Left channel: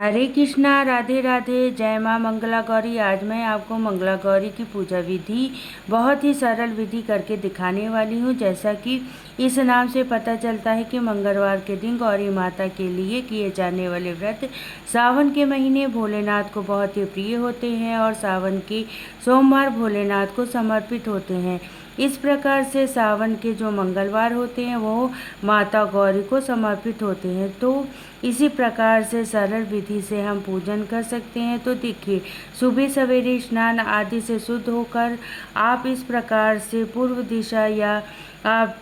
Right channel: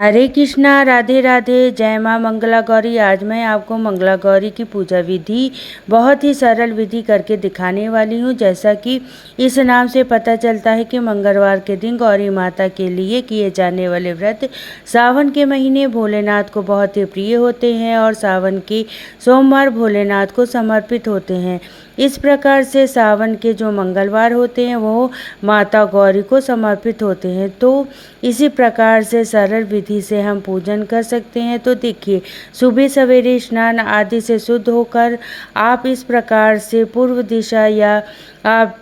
हरे कृष्णा, राधे राधे, जय माँ मंगला गौरी। आज मैं आपको मंगला गौरी की पूजा विधि बहुत ही सरल विधि करके दिखाने वाली हूँ। जैसा कि इस नाम से पता चलता है कि मंगलवार के दिन गौरी माता के लिए किए जाने वाले व्रत सावन के महीने भोलेनाथ को बहुत ही प्रिय होते हैं और सावन के सोमवार भोलेनाथ को समर्पित होते हैं। इस प्रकार से सावन के जो मंगलवार होते हैं वो माता गौरी को समर्पित होते हैं। तो इसी प्रकार से सरल विधि से हम पूजन कर सकते हैं। तो देखिए, सुबह सवेरे स्नान आदि से शुद्ध होकर आप इस प्रकार से पूर्व दिशा या आप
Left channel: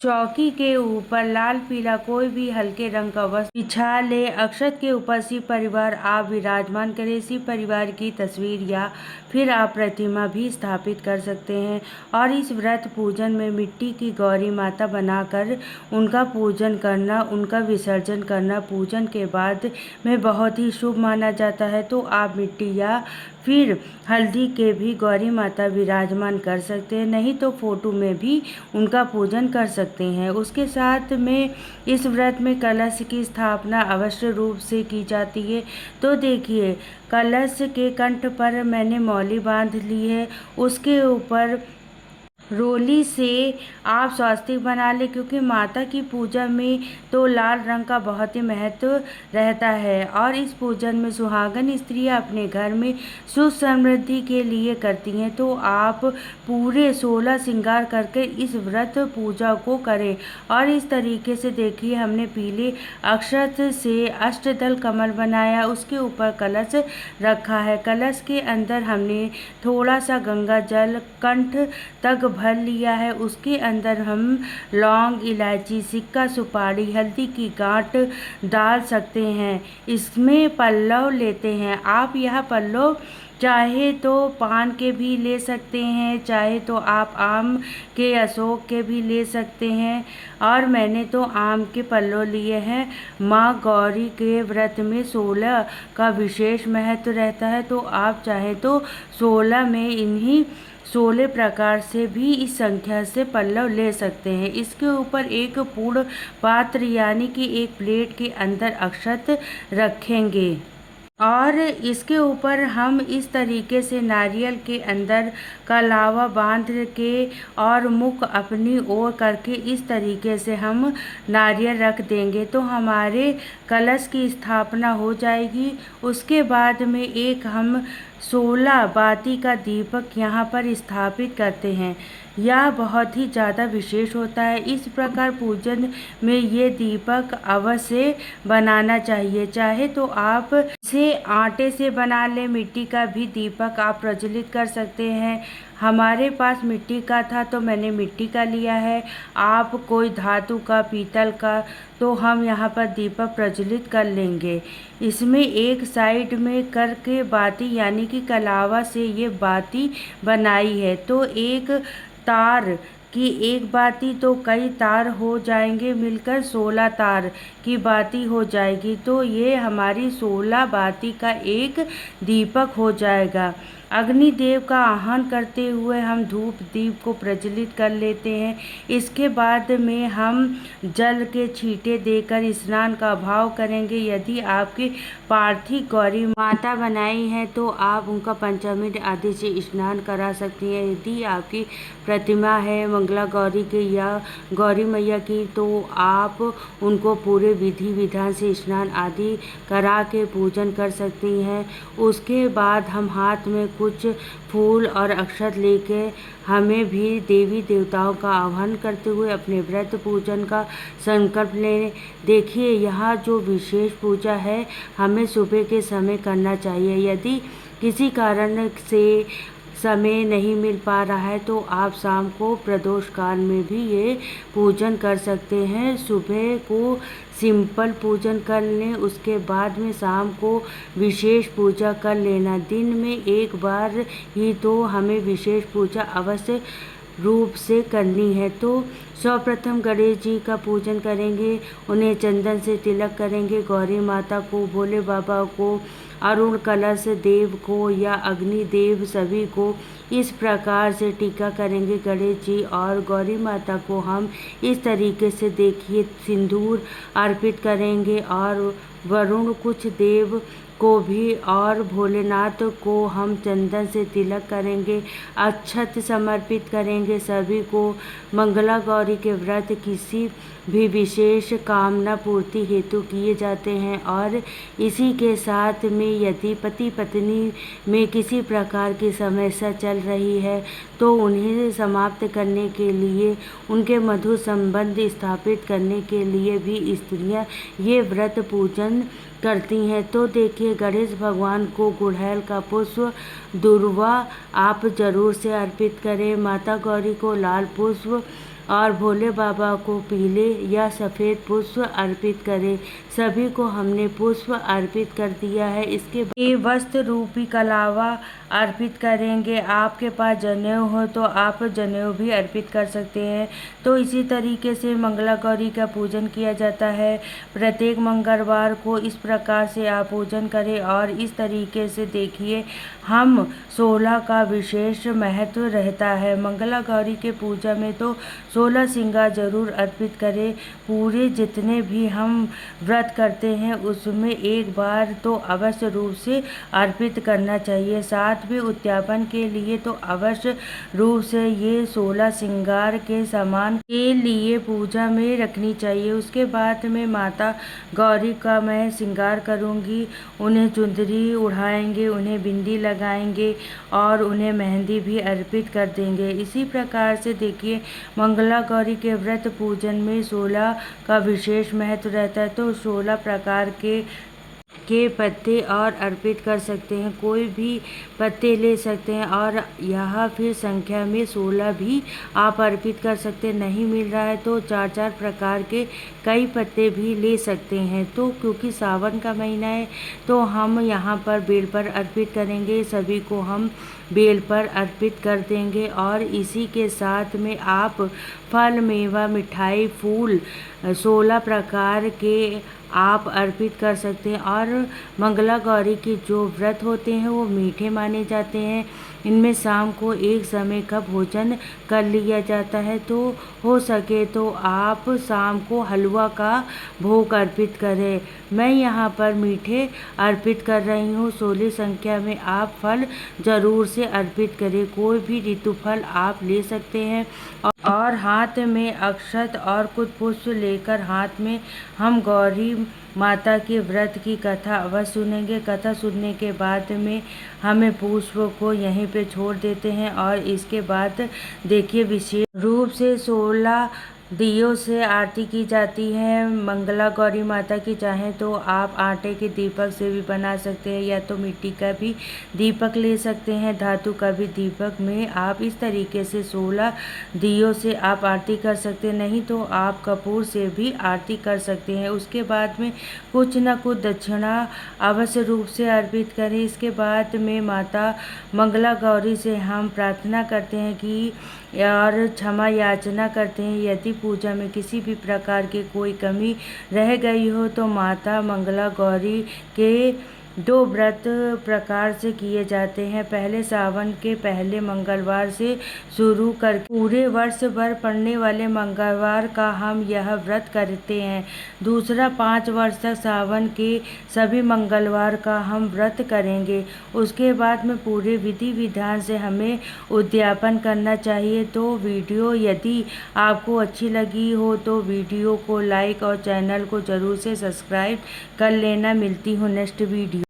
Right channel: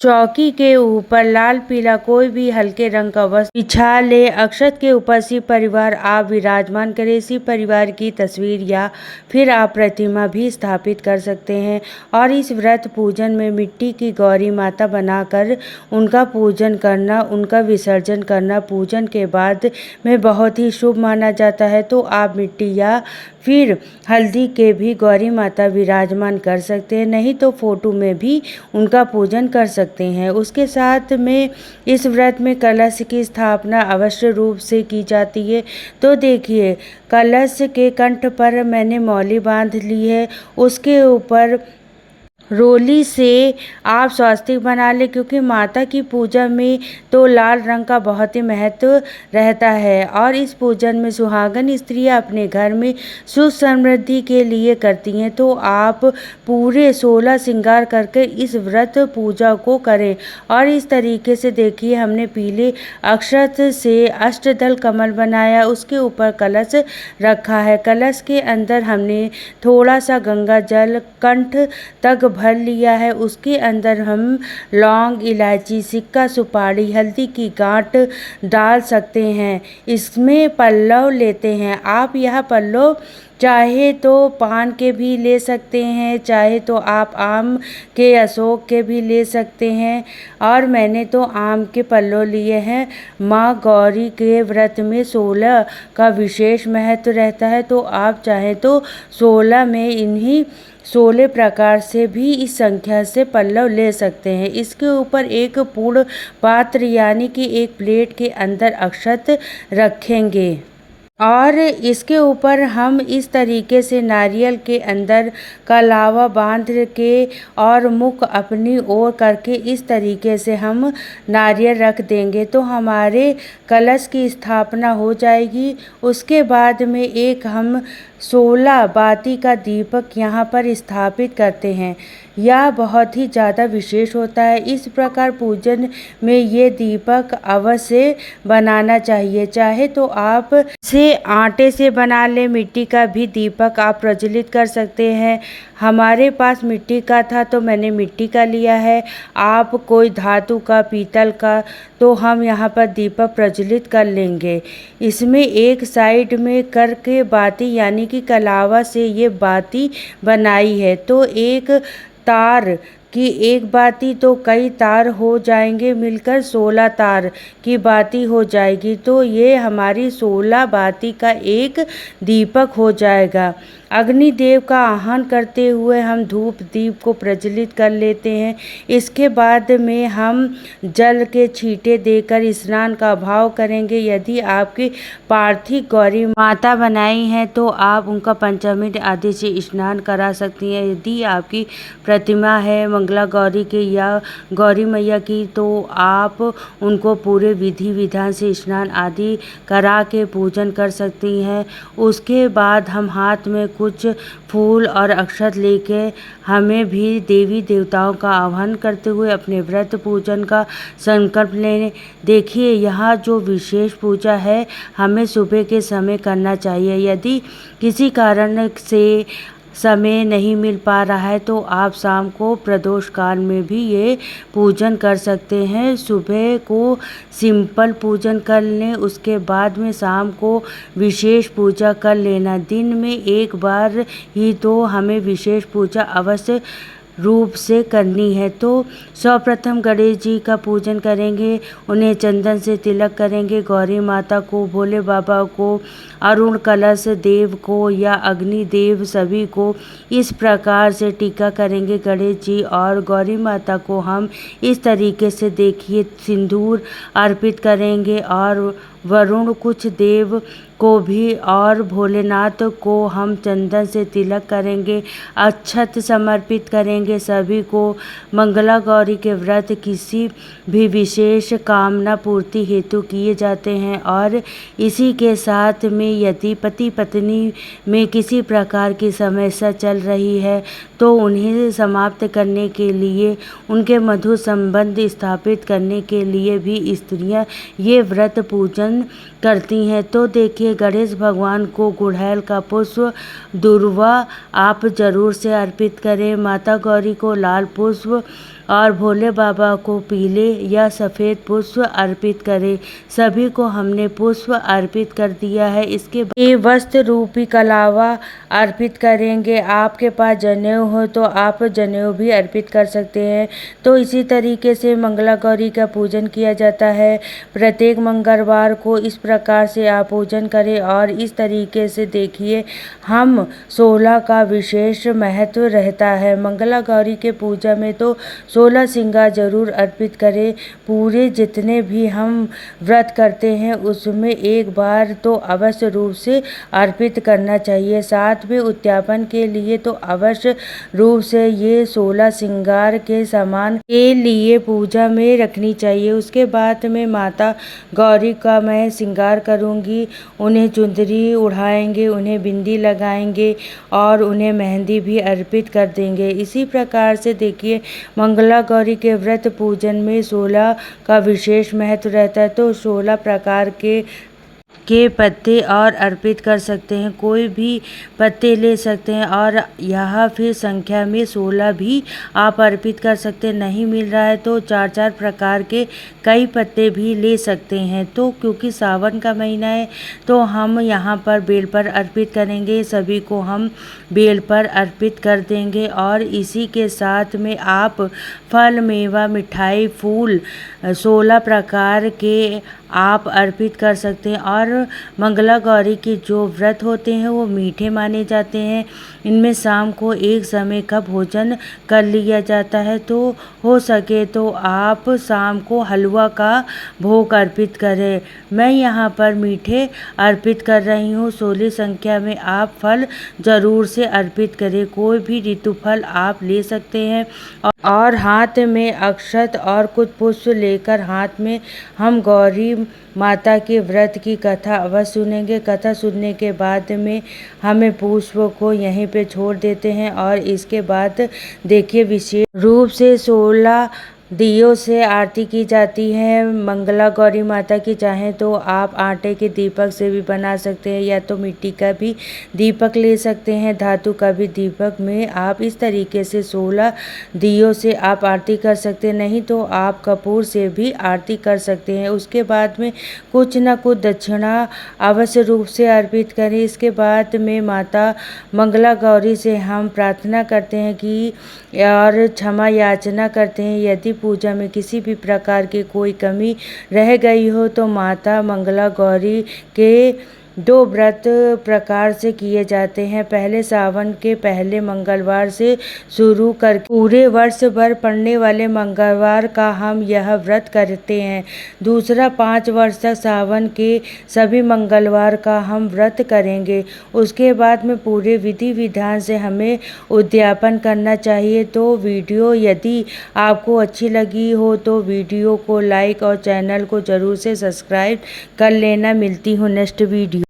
चौकी के ऊपर लाल पीला कोई भी हल्के रंग का वस्त्र बिछा ले। अक्षत के ऊपर शिव परिवार आप विराजमान करें। शिव परिवार की तस्वीर या फिर आप प्रतिमा भी स्थापित कर सकते हैं। और इस व्रत पूजन में मिट्टी की गौरी माता बनाकर उनका पूजन करना, उनका विसर्जन करना पूजन के बाद में बहुत ही शुभ माना जाता है। तो आप मिट्टी या फिर हल्दी के भी गौरी माता विराजमान कर सकते हैं, नहीं तो फोटो में भी उनका पूजन कर सकते हैं। उसके साथ में इस व्रत में कलश की स्थापना अवश्य रूप से की जाती है। तो देखिए, कलश के कंठ पर मैंने मौली बांध ली है, उसके ऊपर रोली से आप स्वास्तिक बना लें, क्योंकि माता की पूजा में तो लाल रंग का बहुत ही महत्व रहता है। और इस पूजन में सुहागन स्त्रियां अपने घर में सुख समृद्धि के लिए करती हैं। तो आप पूरे 16 श्रृंगार करके इस व्रत पूजा को करें। और इस तरीके से देखिए, हमने पीले अक्षत से अष्टदल कमल बनाया, उसके ऊपर कलश रखा है। कलश के अंदर हमने थोड़ा सा गंगा जल कंठ तक भर लिया है। उसके अंदर हम लौंग, इलायची, सिक्का, सुपारी, हल्दी की गांठ डाल सकते हैं। इसमें पल्लव लेते हैं। आप यह पल्लव चाहे तो पान के भी ले सकते हैं, चाहे तो आप आम के, अशोक के भी ले सकते हैं। और मैंने तो आम के पल्लव लिए हैं। माँ गौरी के व्रत में 16 का विशेष महत्व रहता है। तो आप चाहे तो 16 में इन्हीं 16 प्रकार से भी इस संख्या से पल्लव ले सकते हैं। इसके ऊपर एक पूर्ण पात्र यानी कि एक प्लेट के अंदर अक्षत रखेंगे और इसके ऊपर हम इस तरीके से नारियल के अंदर का लावा बांध के और मुख अपनी ओर करके इस तरीके से हम नारियल रख देंगे, तो हमारे कलश की स्थापना हो जाएगी। उसके बाद में एक हम 16 बाती का दीपक यहाँ पर स्थापित करते हैं। यह बहुत ही ज़्यादा विशेष होता है। इस प्रकार पूजन में ये दीपक अवश्य बनाना चाहिए। चाहे तो आप इसे आटे से बना ले, मिट्टी का भी दीपक आप प्रज्वलित कर सकते हैं। हमारे पास मिट्टी का था तो मैंने मिट्टी का लिया है। आप कोई धातु का, पीतल का, तो हम यहाँ पर दीपक प्रज्वलित कर लेंगे। इसमें एक साइड में करके बाती यानी कि कलावा से ये बाती बनाई है। तो एक तार की एक बाती तो कई तार हो जाएंगे, मिलकर 16 तार की बाती हो जाएगी। तो ये हमारी 16 बाती का एक दीपक हो जाएगा। अग्निदेव का आह्वान करते हुए हम धूप दीप को प्रज्वलित कर लेते हैं। इसके बाद में हम जल के छींटे देकर स्नान का भाव करेंगे। यदि आपकी पार्थिव गौरी माता बनाई हैं तो आप उनका पंचामृत आदि से स्नान करा सकती हैं। यदि आपकी प्रतिमा है मंगला गौरी की या गौरी मैया की, तो आप उनको पूरे विधि विधान से स्नान आदि करा के पूजन कर सकती हैं। उसके बाद हम हाथ में कुछ फूल और अक्षत लेके हमें भी देवी देवताओं का आह्वान करते हुए अपने व्रत पूजन का संकल्प लें। देखिए, यहाँ जो विशेष पूजा है हमें सुबह के समय करना चाहिए। यदि किसी कारण से समय नहीं मिल पा रहा है तो आप शाम को प्रदोष काल में भी ये पूजन कर सकते हैं। सुबह को सिंपल पूजन कर लें, उसके बाद में शाम को विशेष पूजा कर लेना। दिन में एक बार ही तो हमें विशेष पूजा अवश्य रूप से करनी है। तो सर्वप्रथम गणेश जी का पूजन करेंगे, उन्हें चंदन से तिलक करेंगे। गौरी माता को, भोले बाबा को, अरुण कलश देव को या अग्निदेव सभी को इस प्रकार से टीका करेंगे। गणेश जी और गौरी माता को हम इस तरीके से देखिए सिंदूर अर्पित करेंगे और वरुण कुछ देव को भी और भोलेनाथ को हम चंदन से तिलक करेंगे, अक्षत समर्पित करेंगे। सभी को मंगला गौरी के व्रत किसी भी विशेष कामना पूर्ति हेतु किए जाते हैं और इसी के साथ में यदि पति पत्नी में किसी प्रकार की समस्या चल रही है तो उन्हें समाप्त करने के लिए, उनके मधुर संबंध स्थापित करने के लिए भी स्त्रियां ये व्रत पूजन करती हैं। तो देखिए, गणेश भगवान को गुड़हल का पुष्प दूर्वा आप जरूर से अर्पित करें। माता गौरी को लाल पुष्प और भोले बाबा को पीले या सफ़ेद पुष्प अर्पित करें। सभी को हमने पुष्प अर्पित कर दिया है। इसके बाद ये वस्त्र रूपी कलावा अर्पित करेंगे। आपके पास जनेऊ हो तो आप जनेऊ भी अर्पित कर सकते हैं। तो इसी तरीके से मंगला गौरी का पूजन किया जाता है। प्रत्येक मंगलवार को इस प्रकार से आप पूजन करें और इस तरीके से देखिए, हम 16 का विशेष महत्व रहता है। मंगला गौरी के पूजा में तो 16 श्रृंगार जरूर अर्पित करें। पूरे जितने भी हम व्रत करते हैं उसमें एक बार तो अवश्य रूप से अर्पित करना चाहिए। साथ में उद्यापन के लिए तो अवश्य रूप से ये 16 श्रृंगार के सामान के लिए पूजा में रखनी चाहिए। उसके बाद में माता गौरी का मैं श्रृंगार करूँगी। उन्हें चुंदरी उड़ाएंगे, उन्हें बिंदी लगाएंगे और उन्हें मेहंदी भी अर्पित कर देंगे। इसी प्रकार से देखिए, मंगला गौरी के व्रत पूजन में 16 का विशेष महत्व रहता है। तो 16 प्रकार के पत्ते और अर्पित कर सकते हैं। कोई भी पत्ते ले सकते हैं और यहाँ फिर संख्या में 16 भी आप अर्पित कर सकते हैं। नहीं मिल रहा है तो 4-4 प्रकार के कई पत्ते भी ले सकते हैं। तो क्योंकि सावन का महीना है तो हम यहाँ पर बेल पर अर्पित करेंगे। सभी को हम बेल पर अर्पित कर देंगे और इसी के साथ में आप फल, मेवा, मिठाई, फूल 16 प्रकार के आप अर्पित कर सकते हैं। और मंगला गौरी के जो व्रत होते हैं वो मीठे माने जाते हैं। इनमें शाम को एक समय का भोजन कर लिया जाता है। तो हो सके तो आप शाम को हलवा का भोग अर्पित करें। मैं यहाँ पर मीठे अर्पित कर रही हूँ। 16 संख्या में आप फल ज़रूर से अर्पित करें। कोई भी ऋतु फल आप ले सकते हैं और हाथ में अक्षत और कुछ पुष्प लेकर हाथ में हम गौरी माता के व्रत की कथा अवश्य सुनेंगे। कथा सुनने के बाद में हमें पुष्प को यहीं पे छोड़ देते हैं और इसके बाद देखिए, विशेष रूप से 16 दियों से आरती की जाती है मंगला गौरी माता की। चाहें तो आप आटे के दीपक से भी बना सकते हैं या तो मिट्टी का भी दीपक ले सकते हैं, धातु का भी दीपक में आप इस तरीके से 16 दियों से आप आरती कर सकते हैं। नहीं तो आप कपूर से भी आरती कर सकते हैं। उसके बाद में कुछ न कुछ दक्षिणा अवश्य रूप से अर्पित करें। इसके बाद में माता मंगला गौरी से हम प्रार्थना करते हैं कि और क्षमा याचना करते हैं। यदि पूजा में किसी भी प्रकार की कोई कमी रह गई हो तो माता मंगला गौरी के 2 व्रत प्रकार से किए जाते हैं। पहले सावन के पहले मंगलवार से शुरू कर पूरे वर्ष भर पड़ने वाले मंगलवार का हम यह व्रत करते हैं। दूसरा 5 वर्ष तक सावन के सभी मंगलवार का हम व्रत करेंगे। उसके बाद में पूरे विधि विधान से हमें उद्यापन करना चाहिए। तो वीडियो यदि आपको अच्छी लगी हो तो वीडियो को लाइक और चैनल को ज़रूर से सब्सक्राइब कर लेना। मिलती हूँ नेक्स्ट वीडियो।